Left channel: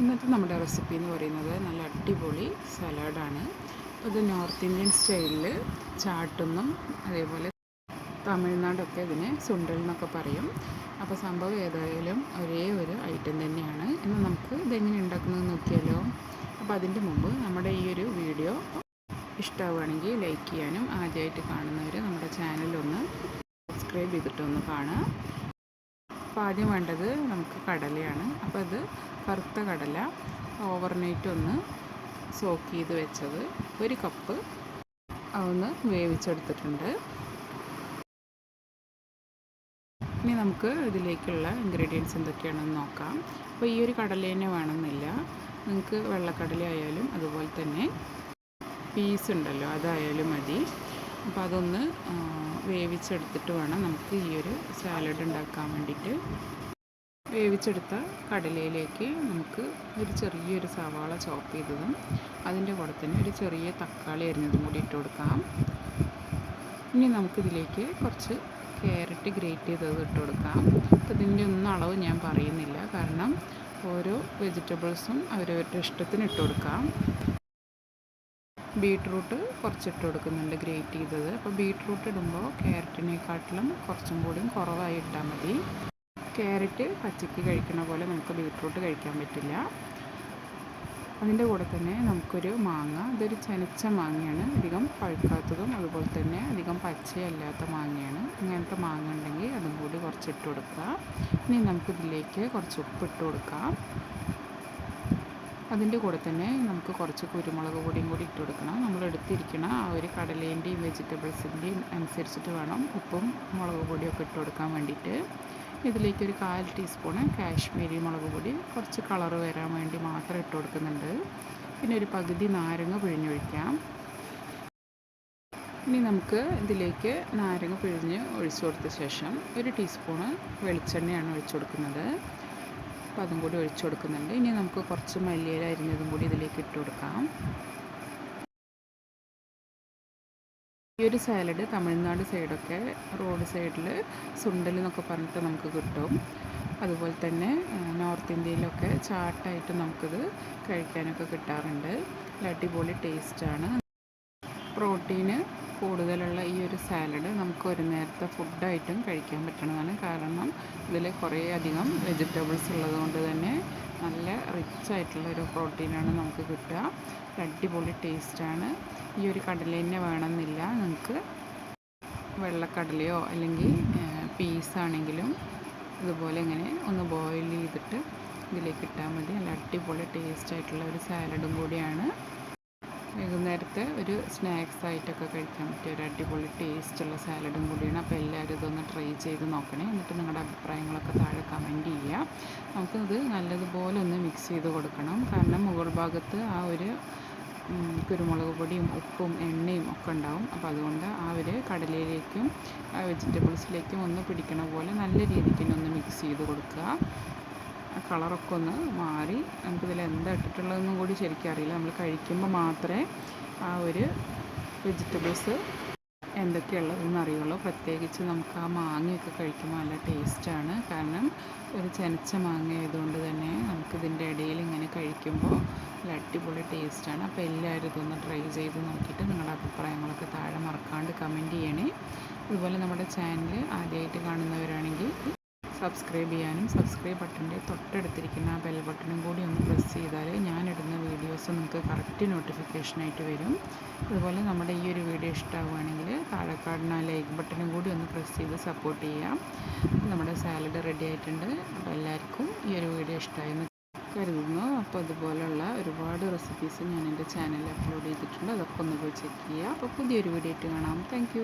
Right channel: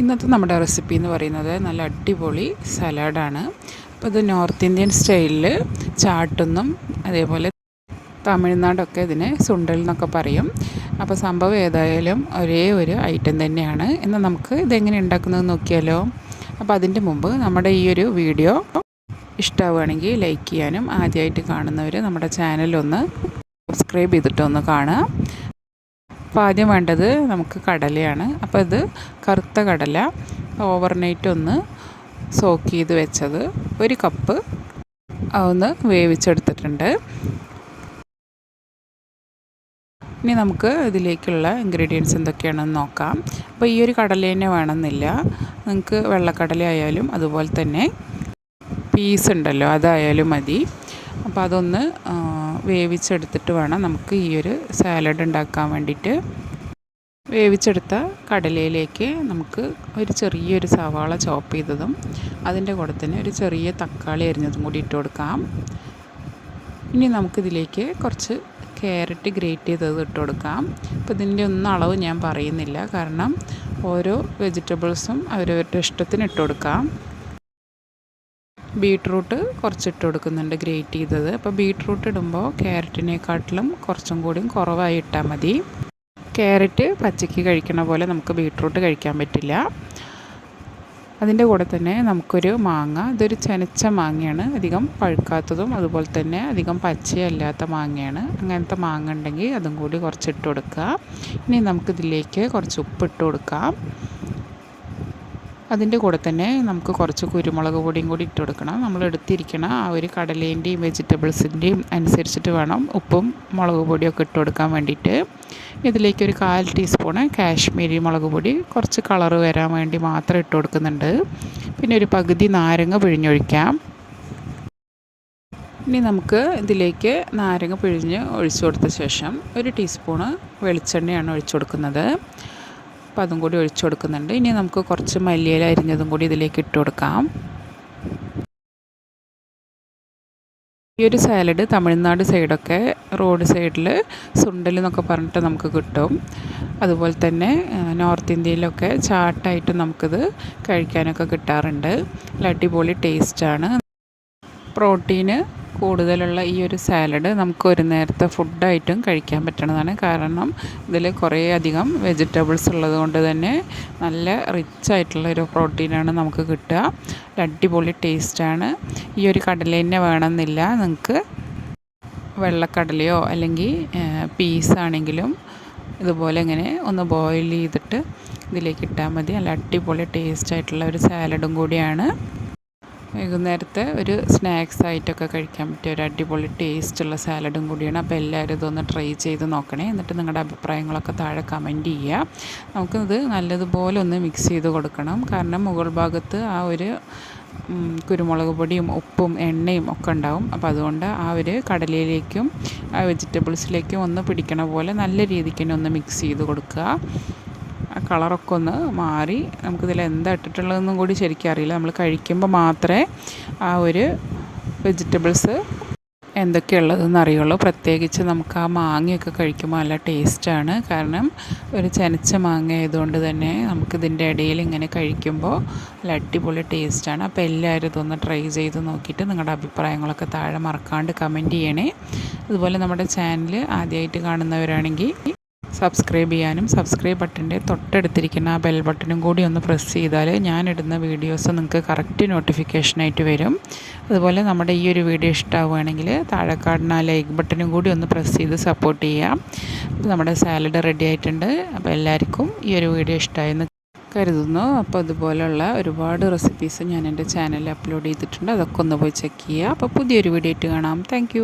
ഇന്നത്തെ നമ്മുടെ റെസിപ്പി എന്ന് പറയുന്നത് നല്ല അടിപൊളി സലാഡാണ്. അപ്പോൾ ഇത് നോർത്ത് ഇന്ത്യൻ സ്റ്റൈലിൽ ചാട്ടെന്നും അതേപോലെ തമിഴ്നാടൊക്കെ ഇതിനെ സുണ്ടൽ എന്നൊക്കെ പറയും. അപ്പോൾ സംഭവം ഏതായാലും ഒരേ ഒരു ഐറ്റം തന്നെയാണ്. എന്നാൽ നമുക്ക് ഇതെങ്ങനെ ഉണ്ടാക്കുന്നത് നോക്കിയാലോ. അപ്പോൾ അതിൻ്റെ മുമ്പ് നമ്മുടെ ഈ ഒരു വീഡിയോ ഇഷ്ടമാവുകയാണെങ്കിൽ ലൈക്ക് ചെയ്യാനും ആദ്യമായിട്ട് കാണുന്നവർ നമ്മുടെ ചാനലൊന്ന് സബ്സ്ക്രൈബ് ചെയ്തിട്ടൊന്ന് കാണുക. അപ്പോൾ ആദ്യം വേണ്ടത് നമുക്ക് കടലയാണ്. അപ്പോൾ ഇത് കറുത്ത കടല ഓവർനൈറ്റ് ഒന്ന് സോക്ക് ചെയ്ത് വെച്ചത് 1 കപ്പ് അതൊന്ന് വേവിച്ചെടുത്തിട്ടുണ്ട്. ഇനി നമുക്ക് ഇതിലേക്കുള്ള ഇൻഗ്രീഡിയൻസ് എന്തൊക്കെയാണെന്ന് നോക്കാം. അപ്പോൾ ഈ ഒരു കടല തന്നെ വേണമെന്നില്ല, നിങ്ങൾക്ക് വെള്ളക്കടല ആയാലും അതുപോലെ തന്നെ പീസ് ഉണ്ടല്ലോ അതായാലും മതി. അപ്പോൾ അതൊന്ന് വേവിച്ചെടുത്തിട്ട് വേണം നമുക്ക് ഈ ഒരു സാലഡ് ഉണ്ടാക്കാൻ വേണ്ടിയിട്ട്. വേവിച്ചെടുത്ത കടലയിലേക്ക് നമുക്ക് ഒരു ചെറിയൊരു സവാള ചോപ്പ് ചെയ്തതും അതിൻ്റെ കൂടെ തന്നെ ഒരു ചെറിയ തക്കാളി അരിഞ്ഞതും കൂടി ഇട്ട് കൊടുക്കാം. ഇനി നമുക്കിതിലേക്ക് കുറച്ച് ക്യാരറ്റ് ഗ്രേറ്റ് ചെയ്തത് ഇട്ട് കൊടുക്കാം. അപ്പോൾ ഇതിൻ്റെ ഒന്നും അളവ് ഞാൻ പറയുന്നില്ല, കാരണം ഓരോ വെജിറ്റബിൾസും അവരവരുടെ ഇഷ്ടത്തിന് ഇട്ട് കൊടുക്കാം. ബീട്രൂട്ട് കുറച്ചിട്ട് കൊടുക്കുന്നുണ്ട് ഗ്രേറ്റ് ചെയ്തത്. അപ്പോൾ ബീട്രൂട്ട് ഇടുമ്പോൾ ക്യാരറ്റിനെക്കാട്ടിലും കുറച്ചും കൂടി കുറവായി ഇട്ടാൽ മതി. ക്യാരറ്റ് പച്ചയ്ക്ക് കഴിക്കണ പോലെ നമുക്ക് ബീട്രൂട്ട് കഴിക്കാൻ പറ്റില്ല. അതിൻ്റെ കൂടെ തന്നെ നമുക്കൊരു മാങ്ങ, ഇതൊരു ചെനച്ച മാങ്ങയാണ്, അധികം പഴുക്കാത്തതും അതുപോലെ തന്നെ അധികം പച്ചയല്ലാത്ത മാങ്ങയാണ്. അങ്ങനത്തെ മാങ്ങ ഉണ്ടെങ്കിൽ അതും കൂടി കുറച്ചിട്ട് കൊടുക്കുക. ഇനി നമുക്കിതിലേക്ക് കുറച്ച് ഉപ്പിട്ട് കൊടുക്കാം. അതിൻ്റെ കൂടെ തന്നെ നമുക്ക് കുറച്ച് കുരുമുളക് പൊടിയും കൂടി ഇട്ട് കൊടുക്കണം. നമ്മൾ എടുത്തിരിക്കണം ആ ഒരു കടലേൻ്റെയും വെജിറ്റബിൾസിൻ്റെയും അനുസരിച്ചിട്ട് വേണം ഉപ്പും മുളക് പൊടിയൊക്കെ ഇട്ട് കൊടുക്കാൻ വേണ്ടിയിട്ട്. ഇതിലേക്കൊരു 1/4 ടീസ്പൂണ് കാശ്മീരി മുളക് പൊടി കുറച്ച് കളറ് വരാൻ വേണ്ടി മാത്രം ഇട്ട് കൊടുക്കുന്നുണ്ട്. പിന്നെ ഒരു പകുതി നാരങ്ങ പിഴിഞ്ഞൊഴിക്കാം. ഇനി നമുക്ക് ഇതിലേക്ക് നാരങ്ങ പിഴിഞ്ഞ് ഒഴിച്ചു കൊടുത്ത ശേഷം 1 ടീസ്പൂണ് വെളിച്ചെണ്ണയാണ് ഒഴിച്ചു കൊടുക്കുന്നത്. അപ്പോൾ അതും കൂടി ഒഴിച്ചു കൊടുക്കുന്നുണ്ട്. ഇനി നമുക്ക് കുറച്ച് മല്ലിയില അരിഞ്ഞതും കൂടി ഇതിലേക്ക് ഇട്ട് കൊടുക്കാം. ഈ ഒരു സാലഡ് തമിഴ്നാട് സൈഡൊക്കെ റോഡ് സൈഡിൽ സുണ്ടൽ എന്നൊക്കെ പറഞ്ഞിട്ട് നമുക്ക് കിട്ടും. അതുപോലെ തന്നെ നോർത്ത് ഇന്ത്യയിലൊക്കെ ചാട്ടായിട്ട് നമുക്കിത് കഴിക്കാനൊക്കെ കിട്ടാറുണ്ട്. നല്ല അടിപൊളി ടേസ്റ്റാണ്. പ്രോട്ടീന് കൂടുതലുള്ള ഈ ഒരു സാലഡ് നമുക്ക് ഒരു നേരത്തെ ഫുഡായിട്ടും കഴിക്കാൻ പറ്റുന്നതാണ്. കാരണം ഇതിൽ കുറേ അധികം വെജിറ്റബിൾസ് ഉള്ളത് കൊണ്ട് തന്നെ നല്ല റിച്ച് ആയിട്ടുള്ളൊരു പ്രോട്ടീനാണ് നമുക്ക് കിട്ടുക. അടിപൊളി ടേസ്റ്റാണ്. ഈ ഒരു കടല തന്നെ വേണമെന്നില്ല, നിങ്ങൾക്ക് വെള്ളക്കടലയോ അല്ലെങ്കിൽ പീസാണെങ്കിലും ഇതുപോലെ ഇങ്ങനെ ഒന്ന് ബോയിൽ ചെയ്തിട്ട് ഇതിലേക്ക് ഇട്ടാൽ മതി. നല്ല അടിപൊളി ടേസ്റ്റായിട്ടുള്ള ഒരു സാലഡും കൂടിയാണ്. വൈകുന്നേരത്തെ ഒരു സ്നാക്സ് ആയിട്ടൊക്കെ കഴിക്കാൻ പറ്റിയ ഒരു അടിപൊളി ടേസ്റ്റുള്ള സാലഡും കൂടിയാണ്. അപ്പോൾ എല്ലാവരും ഇതൊന്ന് ട്രൈ ചെയ്ത് നോക്കണേ. എന്നിട്ട് നിങ്ങളുടെ അഭിപ്രായങ്ങളൊക്കെ താഴെ കമൻറ്റ് ചെയ്യുക. നമുക്കിത് നല്ലതുപോലെ ഒന്ന് മിക്സ് ചെയ്ത് കൊടുക്കണം. കാരണം മുകൾ ഭാഗത്ത് ആ ഒരു കുരുമുളക് പൊടിയും ഉപ്പും എണ്ണയും ഒക്കെ ഉണ്ടാവും. അപ്പോൾ അതുകൊണ്ട് ആ ഒരു കടലയിലേക്കും ആ വെജിറ്റബിൾസിലേക്കും ഒന്ന് പിടിക്കണ പോലെ നല്ല രീതിക്ക് തന്നെ ഒന്ന് മിക്സ് ചെയ്ത് കൊടുക്കുക. കളറൊക്കെ ഒന്ന് മാറി നമുക്കിതിൽ എന്താ ഇട്ടിട്ടുള്ളതെന്നും കൂടി ശരിക്കും അറിയില്ല. നമ്മൾ കഴിക്കുമ്പോൾ മാത്രമേ ആ ഒരു വെജിറ്റബിൾസ് എന്തൊക്കെയുള്ളതെന്ന് അറിയുള്ളൂ. പ്രത്യേകിച്ച് നമുക്ക് ആ മാങ്ങയൊക്കെ കഴിക്കുമ്പോൾ നല്ല ടേസ്റ്റാണ്. കാരണം ഒരു ചെനച്ച മാങ്ങ ആയതുകൊണ്ട് തന്നെ നമുക്കിതിൻ്റെ ഇടയിൽ ഇങ്ങനെ കഴിക്കുമ്പോൾ നല്ല അടിപൊളി ടേസ്റ്റാണ്. അപ്പോൾ എല്ലാവരും ഇതൊന്ന് ട്രൈ ചെയ്ത് നോക്കിയിട്ട് നിങ്ങളുടെ അഭിപ്രായങ്ങളൊക്കെ താഴെ മറക്കാണ്ട് കമൻറ്റ് ചെയ്യണേ. അതുപോലെ നമ്മുടെ ചാനൽ ആദ്യമായിട്ട് കാണുന്നവരാണെങ്കിൽ സബ്സ്ക്രൈബ് ചെയ്യാനും സബ്സ്ക്രൈബ് ബട്ടൻ്റെ തൊട്ടടുത്തിരിക്കുന്ന ആ ബെൽ ബട്ടനും കൂടി ഒന്ന് പ്രസ് ചെയ്താൽ ഞാനിടുന്ന വീഡിയോസ് നിങ്ങൾക്ക് കറക്റ്റ് നോട്ടിഫിക്കേഷനായിട്ട് വരും. അതുപോലെ നമ്മുടെ ഈ ഒരു വീഡിയോ ഇഷ്ടമാവുകയാണെങ്കിൽ താഴെ കാണുന്ന ആ ലൈക്ക് ബട്ടനും കൂടി ഒന്ന് പ്രസ് ചെയ്ത് സപ്പോർട്ട് ചെയ്യാം. നമ്മുടെ സാലഡ് റെഡി ആയിട്ടുണ്ട്. അപ്പോൾ എല്ലാവർക്കും ഈ ഒരു വീഡിയോ ഇഷ്ടമായെന്ന് കരുതുന്നു. അപ്പോൾ ഇതുപോലുള്ള ഒരുപാട് റെസിപ്പീസ് ഞാൻ എൻ്റെ ചാനലിൽ അപ്ലോഡ് ചെയ്തിട്ടുണ്ട്. അതൊക്കെ ഒന്ന് പോയി ചെക്ക് ചെയ്യുക. അപ്പോൾ പുതിയൊരു വീഡിയോ ആയിട്ട് കാണാം. താങ്ക്